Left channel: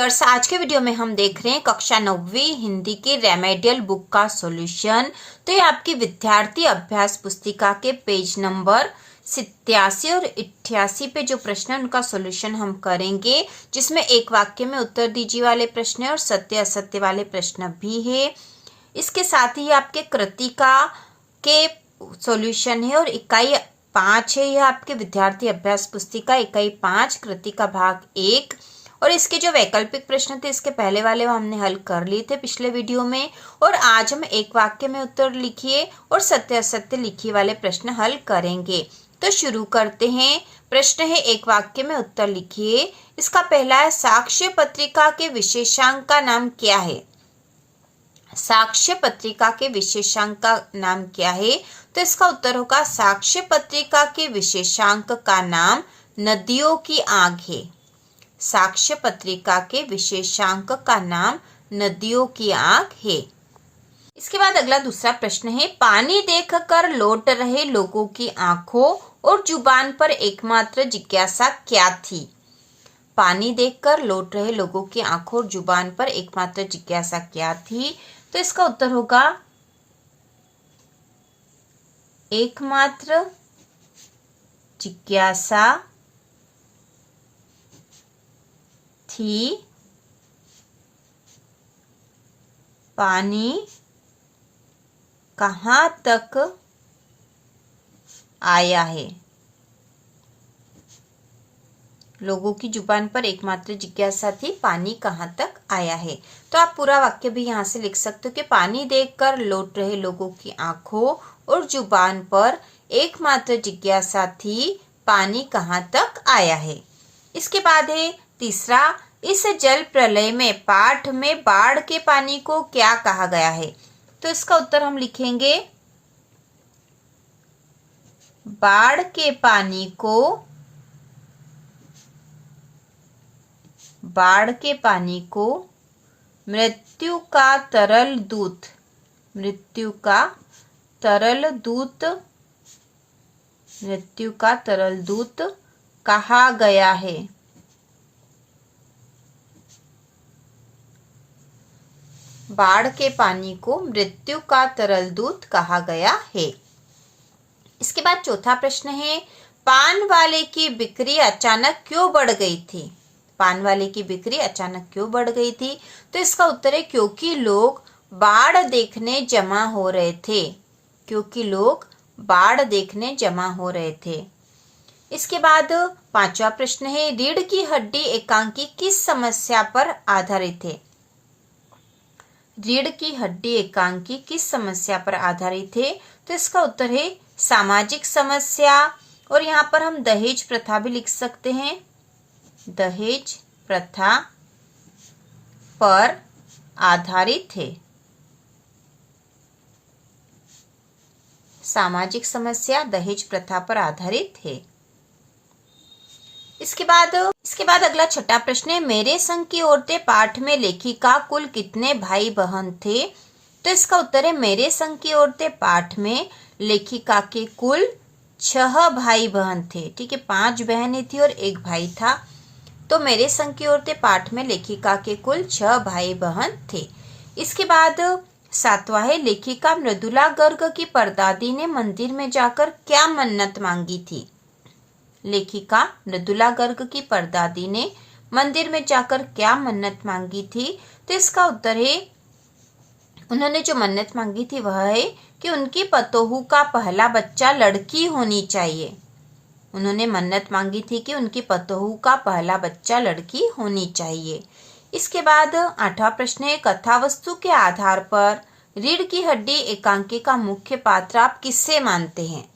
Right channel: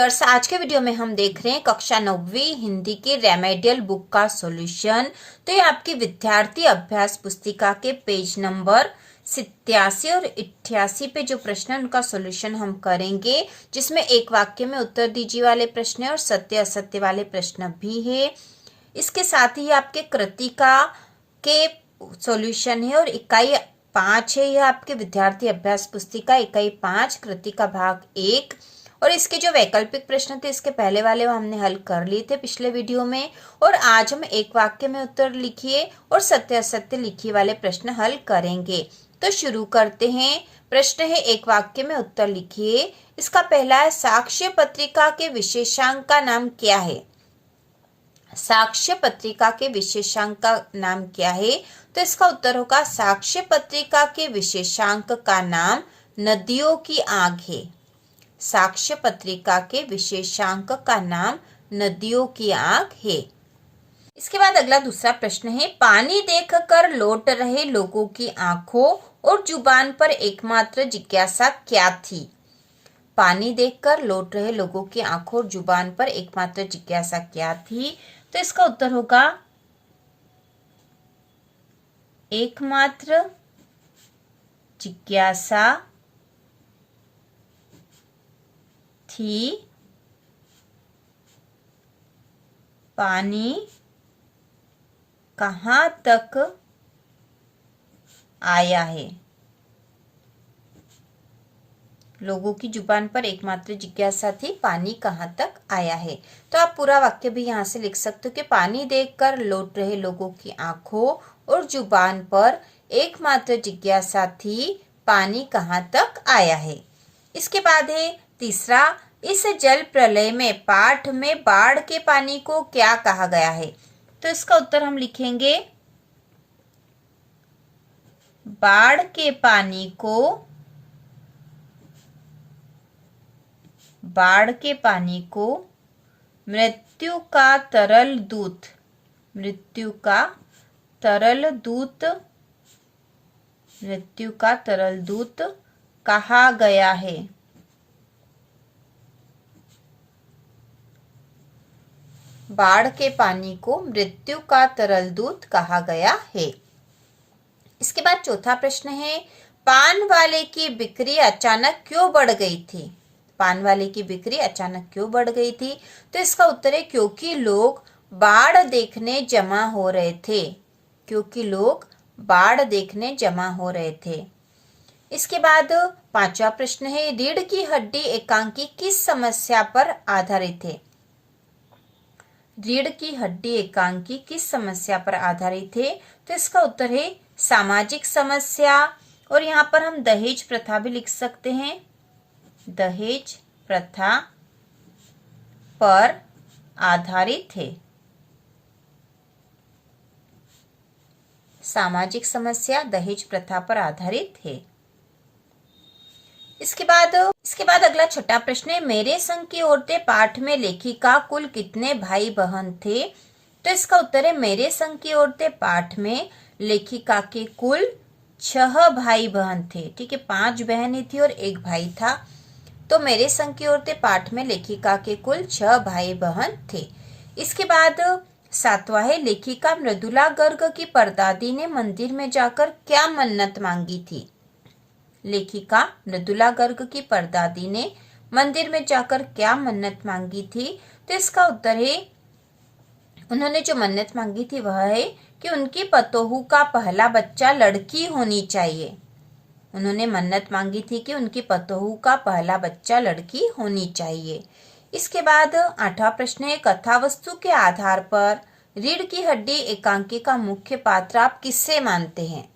Dears, आज के video में हम देख रहे हैं कक्षा 9वीं हिंदी के रेमेडियल बुक का सॉल्यूशन। तो ये आपकी विद्यार्थी अभ्यास पुस्तिका के पेज नंबर 87 और 88 पे जो प्रश्न है उनका सॉल्यूशन हम करेंगे, जिसमें एक वाक्य में उत्तर दीजिए वाले प्रश्न है और सत्य असत्य वाले प्रश्न भी है। इसके साथ ही आपके कृतिका के सॉल्यूशन है और इकाई 5 है। यह आपके विद्यार्थी अभ्यास पुस्तिका इकाई 5 कृतिका भाग 1। और इसके जो वैकल्पिक प्रश्न थे इसके पहले वाले वो हमने हल कर लिए थे पिछले वीडियो में। और आज हम एक वाक्य में उत्तर लिखिए और सत्य असत्य लिखिए वाले प्रश्न हल करेंगे। तो शुरू करते हैं। प्रश्न है, एक वाक्य में उत्तर लिखिए। इसका पहला है, साक्ष्य पत्रिका के विशेषांक का नाम क्या है? साक्ष्य पत्रिका के विशेषांक का नाम क्या है? तो इसका उत्तर होगा, साक्ष्य पत्रिका के विशेषांक का नाम नदियों की आग है। साक्ष्य पत्रिका के विशेषांक का नाम नदियों की आग है। इसके बाद अगला दूसरा प्रश्न है, पानी देखकर लौट रहे लोगों की आंखों और जुबान पर एकमात्र जिज्ञासा क्या थी? पानी देखकर लौट रहे लोगों की आंखों और जुबान पर एकमात्र जिज्ञासा क्या थी? तो इसका उत्तर होगा, एकमात्र जिज्ञासा थी पानी कहाँ तक आया है। लोगों की जुबान पर एकमात्र जिज्ञासा थी पानी कहाँ तक आया है। तो आप पूरा वाक्य भी यहाँ से लिख सकते हो कि पानी देखकर लौट रहे लोगों की आंखों और जुबान पर एकमात्र जिज्ञासा थी पानी कहाँ तक आया है। इसके बाद है तीसरा, इस जल प्रलय में पाठ में बाढ़ के पानी को क्या कहा गया है? तो इसका उत्तर हम लिखेंगे, बाढ़ के पानी को मृत्यु का तरल दूत, मृत्यु का तरल दूत कहा गया है। बाढ़ के पानी को मृत्यु का तरल दूत कहा गया है। इसके बाद चौथा प्रश्न है, पान वाले की बिक्री अचानक क्यों बढ़ गई थी? पान वाले की बिक्री अचानक क्यों बढ़ गई थी? तो इसका उत्तर है, क्योंकि लोग बाढ़ देखने जमा हो रहे थे। क्योंकि लोग बाढ़ देखने जमा हो रहे थे। इसके बाद पांचवा प्रश्न है, रीढ़ की हड्डी एकांकी किस समस्या पर आधारित है? रीढ़ की हड्डी एकांकी किस समस्या पर आधारित है? तो इसका उत्तर है, सामाजिक समस्या। और यहाँ पर हम दहेज प्रथा भी लिख सकते हैं। दहेज प्रथा पर आधारित है। सामाजिक समस्या दहेज प्रथा पर आधारित है। इसके बाद अगला छठा प्रश्न है, मेरे संग की औरतें पाठ में लेखिका कुल कितने भाई बहन थे? तो इसका उत्तर है, मेरे संग की औरतें पाठ में लेखिका के कुल 6 भाई बहन थे। ठीक है, 5 बहनें थी और 1 भाई था। तो मेरे संग की औरतें पाठ में लेखिका के कुल 6 भाई बहन थे। इसके बाद सातवां है, लेखिका मृदुला गर्ग की परदादी ने मंदिर में जाकर क्या मन्नत मांगी थी? लेखिका मृदुला गर्ग की परदादी ने मंदिर में जाकर क्या मन्नत मांगी थी? तो इसका उत्तर है, उन्होंने जो मन्नत मांगी थी वह है कि उनकी पतोहू का पहला बच्चा लड़की होनी चाहिए। उन्होंने मन्नत मांगी थी कि उनकी पतोहू का पहला बच्चा लड़की होनी चाहिए। इसके बाद आठवां प्रश्न है, कथा वस्तु के आधार पर रीढ़ की हड्डी एकांकी का मुख्य पात्र आप किससे मानते हैं?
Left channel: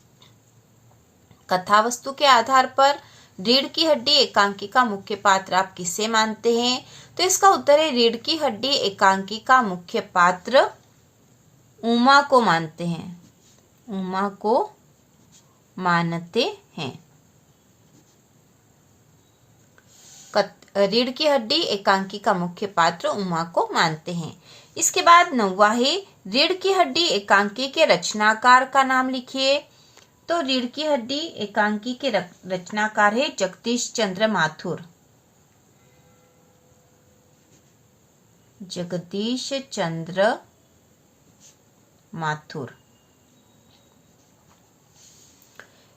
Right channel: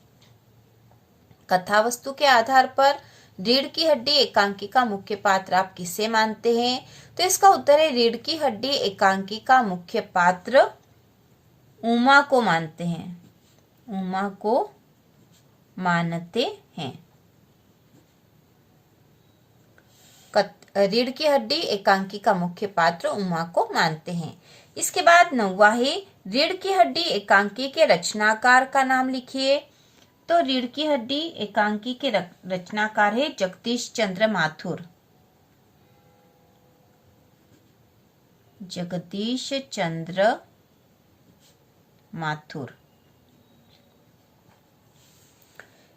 कथा वस्तु के आधार पर रीढ़ की हड्डी एकांकी का मुख्य पात्र आप किसे मानते हैं? तो इसका उत्तर है, रीढ़ की हड्डी एकांकी का मुख्य पात्र उमा को मानते हैं। उमा को मानते हैं। रीढ़ की हड्डी एकांकी का मुख्य पात्र उमा को मानते हैं। इसके बाद 9वां है, रीढ़ की हड्डी एकांकी के रचनाकार का नाम लिखिए। तो रीढ़ की हड्डी एकांकी के रचनाकार है जगदीश चंद्र माथुर। जगदीश चंद्र माथुर।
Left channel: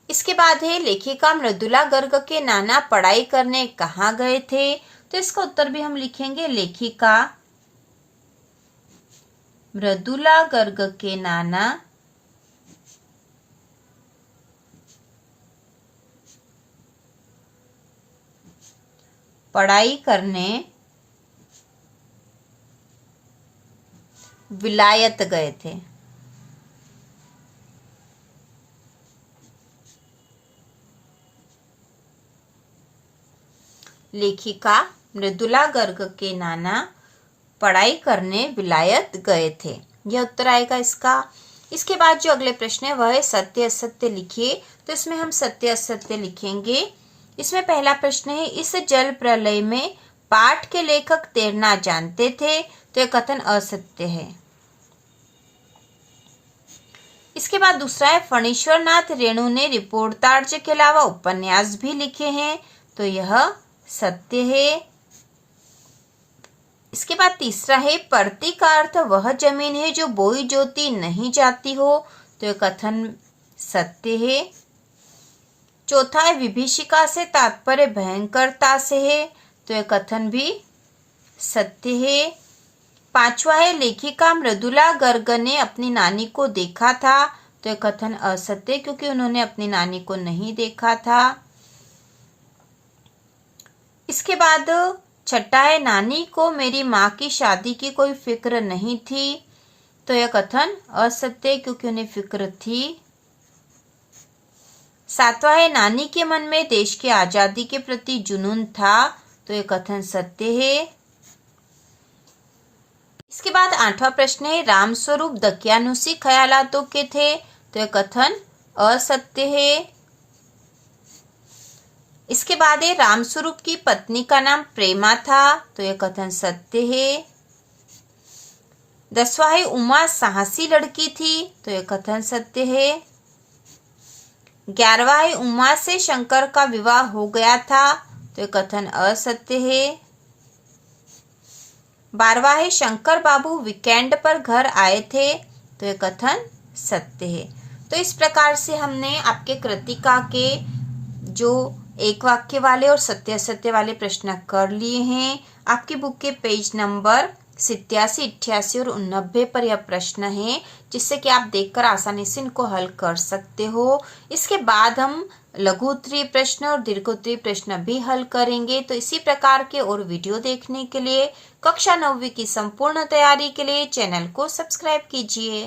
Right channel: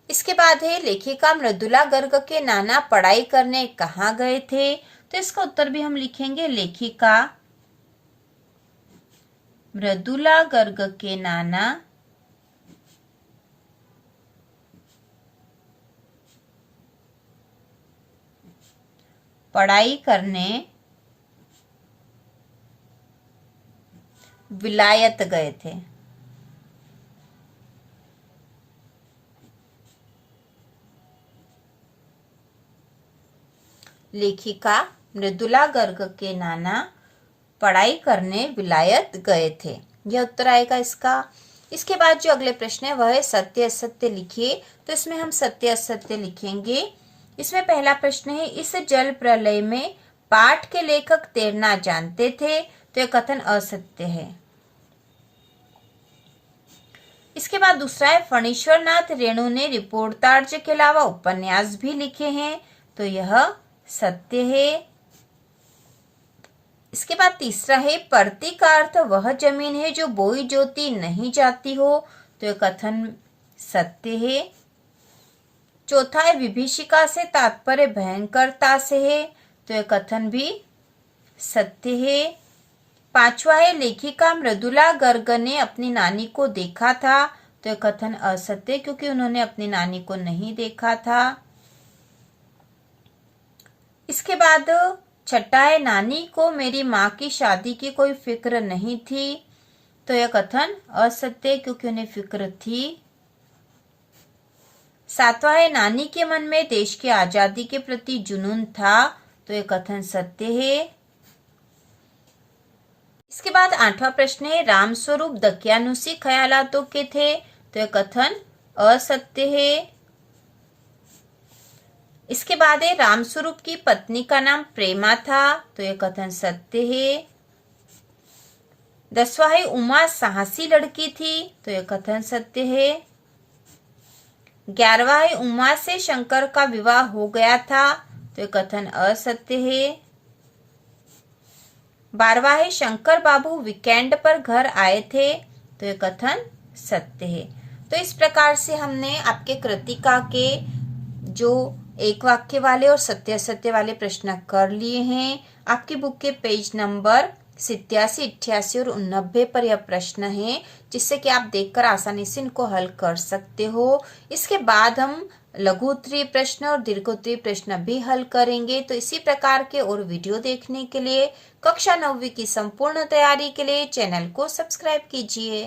इसके बाद है लेखिका मृदुला गर्ग के नाना पढ़ाई करने कहाँ गए थे, तो इसका उत्तर भी हम लिखेंगे लेखिका मृदुला गर्ग के नाना पढ़ाई करने विलायत गए थे। लेखिका मृदुला गर्ग के नाना पढ़ाई करने विलायत गए थे, यह उत्तर आएगा इसका। इसके बाद जो अगले प्रश्न है वह है सत्य असत्य लिखिए, तो इसमें हम सत्य असत्य लिखेंगे। इसमें पहला प्रश्न है इस जल प्रलय में पाठ के लेखक तैरना जानते थे, तो यह कथन असत्य है। इसके बाद दूसरा है फणीश्वर नाथ रेणु ने रिपोर्टार्ज के अलावा उपन्यास भी लिखे हैं, तो यह सत्य है। इसके बाद तीसरा है परती का अर्थ वह जमीन है जो बोई जोती नहीं जाती हो, तो यह कथन सत्य है। चौथा है विभीषिका से तात्पर्य भयंकरता से है, तो यह कथन भी सत्य है। पांचवा है लेखिका मृदुला गर्ग ने अपनी नानी को देखा था, तो यह कथन असत्य क्योंकि उन्होंने अपनी नानी को नहीं देखा था। इसके बाद छठा है नानी को मेरी माँ की शादी की कोई फिक्र नहीं थी, तो यह कथन असत्य क्योंकि उन्हें फिक्र थी। सातवां है नानी के मन में देश की आजादी के प्रति जुनून था, तो यह कथन सत्य है। इसके बाद आठवां प्रश्न है रामस्वरूप दकियानुसी ख्यालातों के थे, तो यह कथन असत्य है। इसके बाद है रामस्वरूप की पत्नी का नाम प्रेमा था, तो यह कथन सत्य है। 10वां है उमा साहसी लड़की थी, तो यह कथन सत्य है। 11वां है उमा से शंकर का विवाह हो गया था, तो यह कथन असत्य है। 12वां है शंकर बाबू वीकेंड पर घर आए थे, तो यह कथन सत्य है। तो इस प्रकार से हमने आपके कृतिका के जो एक वाक्य वाले और सत्य असत्य वाले प्रश्न कर लिए हैं। आपकी बुक के पेज नंबर 87, 88 और 89 पर यह प्रश्न है, जिससे कि आप देखकर आसानी से इनको हल कर सकते हो। इसके बाद हम लघु उत्तरीय प्रश्न और दीर्घ उत्तरीय प्रश्न भी हल करेंगे। तो इसी प्रकार के और वीडियो देखने के लिए कक्षा 9वीं की संपूर्ण तैयारी के लिए चैनल को सब्सक्राइब कीजिए।